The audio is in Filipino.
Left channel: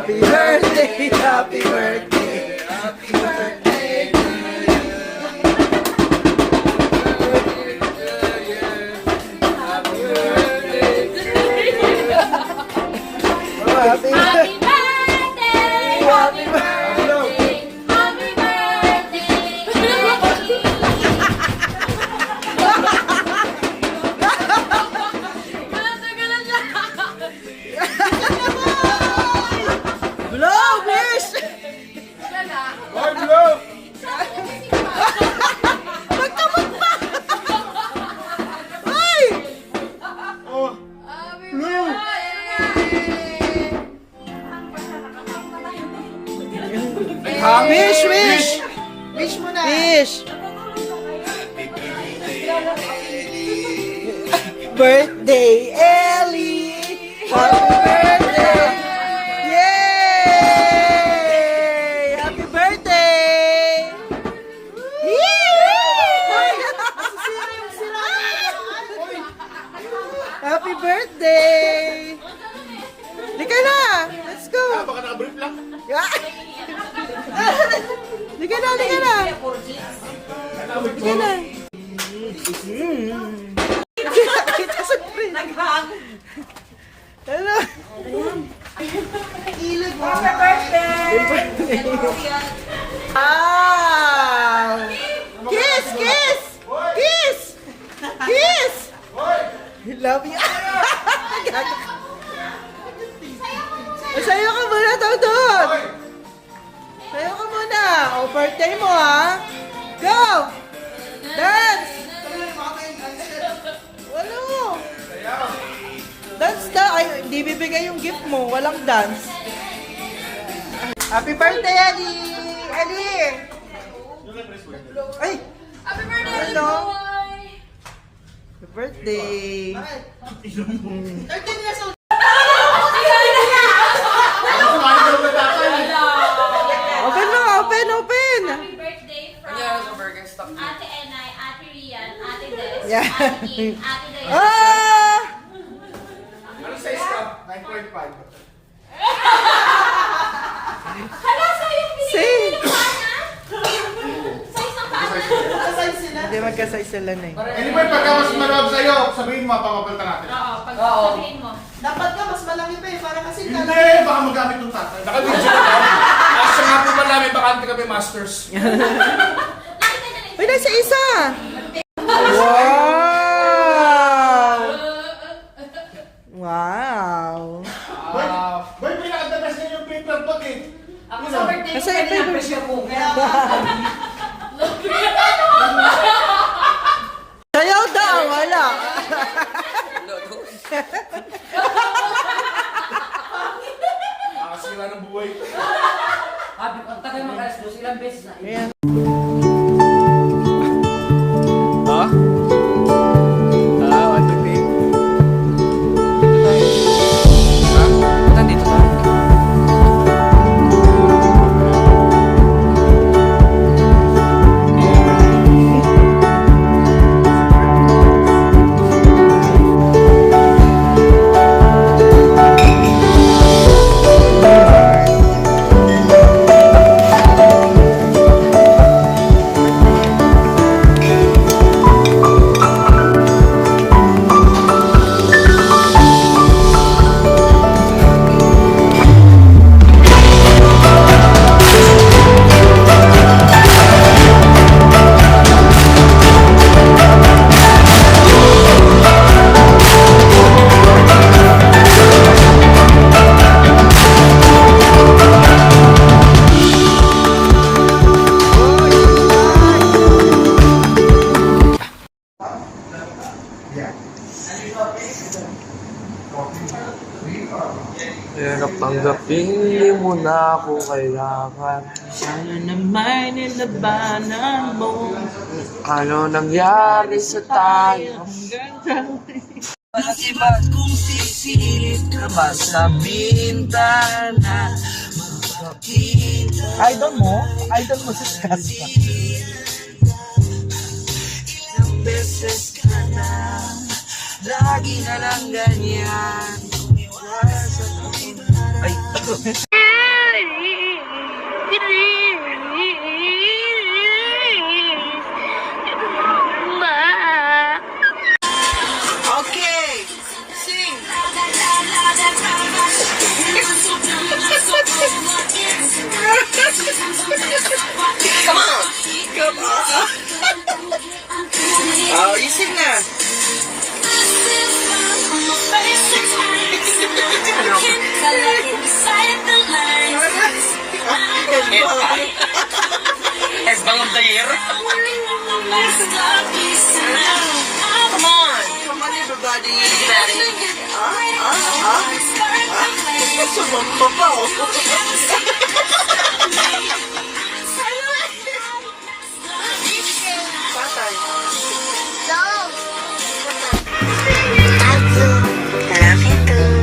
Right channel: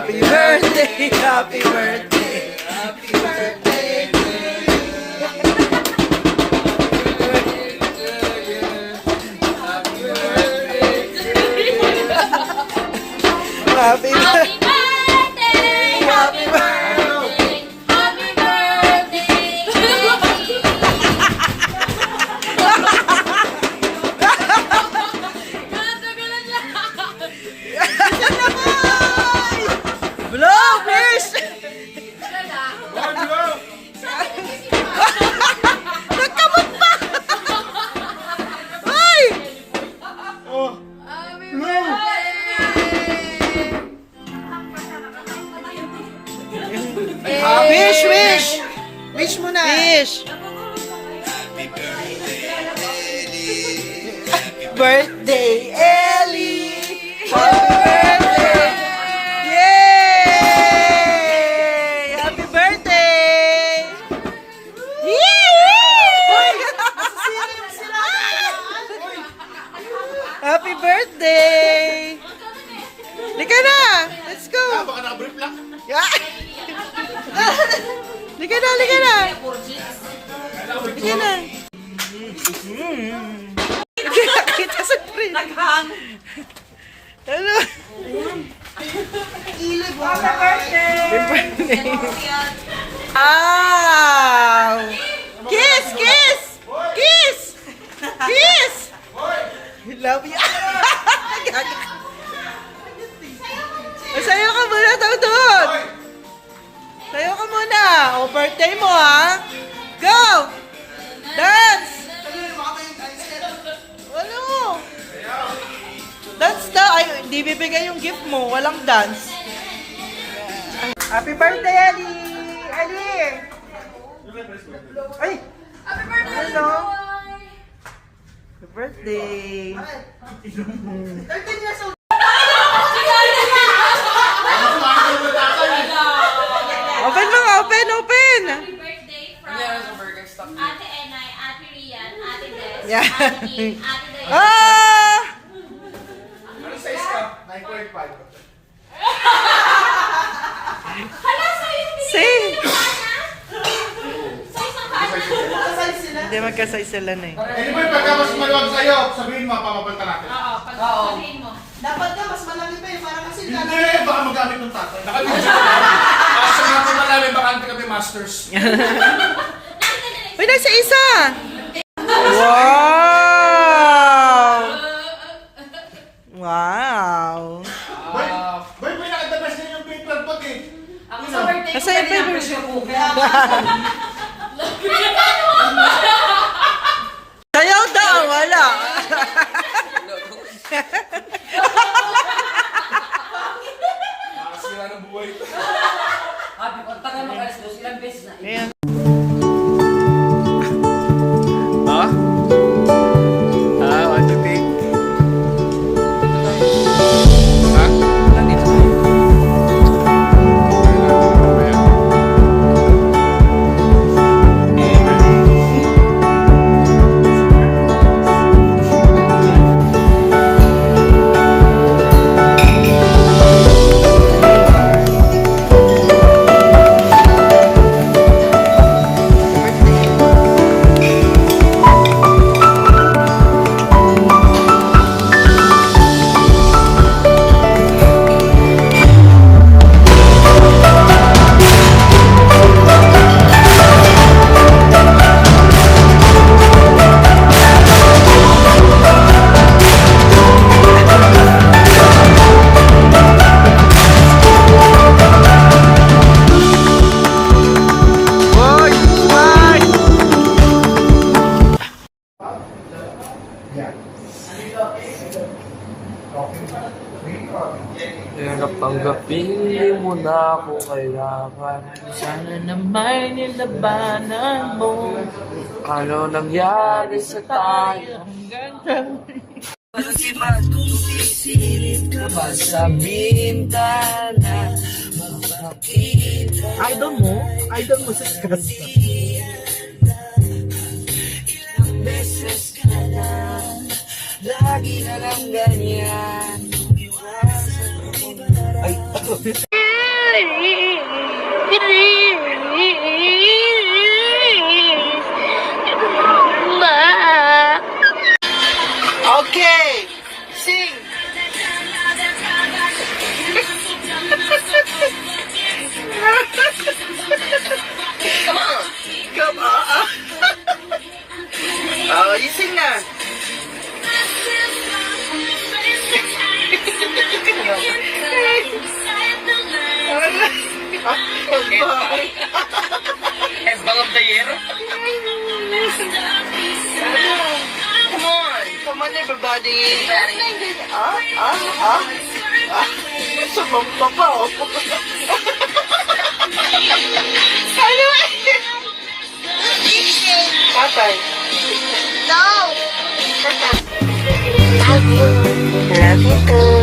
Happy birthday, happy birthday, happy birthday to you. Happy birthday to you. Happy birthday, happy birthday, happy blow, fish! Magkamot pa! Ay! Wish, wish! Wish mo na. Wish! Birthday, Ellie! Happy birthday! Yay! Happy birthday! Happy birthday! Lika na! Let's go! Baka na-brief lang. Yeah. Lika na, lika na! Lika na! Kita sa print. Naghang. Ano? Ilog mo. Happy birthday. Wow! Kiss! Kiss! Kiss! Kiss! Love you. Sayo ka muna, Tawdon! Sayo ka muna. O, birthday mo, ha? Go! Dance! Wala mo. Dance na. Ay, hindi bibigay yung gift mo. Walang dance. Happy birthday, Ellie! Ellie! Ay! Happy birthday, Hello. boy! Happy birthday! 13 years old. Open mo nga! Open! Open! Happy birthday from Ate Enay, Ate Rian, Ate Des, Yeah. Ate King, Ate Dayan. Ah! Ano size ka? 9.5. Hala, sa'yo yung Say! size ng kana? Kasay sila. Hindi magkasay sila na eh. Anyway, pagka mas maluwag sa'yo, sabihin mo, papapalitan natin. Oo, pag sabihin mo. Dapat ka, mas malaki pa yun. Parang kasi Hindi, baka magamit ng tatay. Nakabidyo ka. Kaso nga po marami, baka hindi kami masters. Uy, nasa isa! Wow! Wow! Boy, pinaka-the-best na yung paper bag eh. Ako sa birthday Nasa yung paper. Sayaw daw! Wala! Nakasira ng buhay. Happy, pag tagal makalas dos, ilang beses na. Ayan. Ha? What do you think? Ha? Nandito ko. Hirap tanggapin, mo na ako kailangan. Sana naman nilabanan mo. Ano nangyari sa tayo? Pag-ibad kung sisilip ka ba sa bintana, makakita. Idol mo si Skasta. Ilang beses ka na, lagi na lang ganyan. Ay, Okay, sing. Come on. Come on. Oh, you sing na. Headbang of the year. Come on. Come on, everybody. Sumampapaw. Ano eh? Patay. Love you too.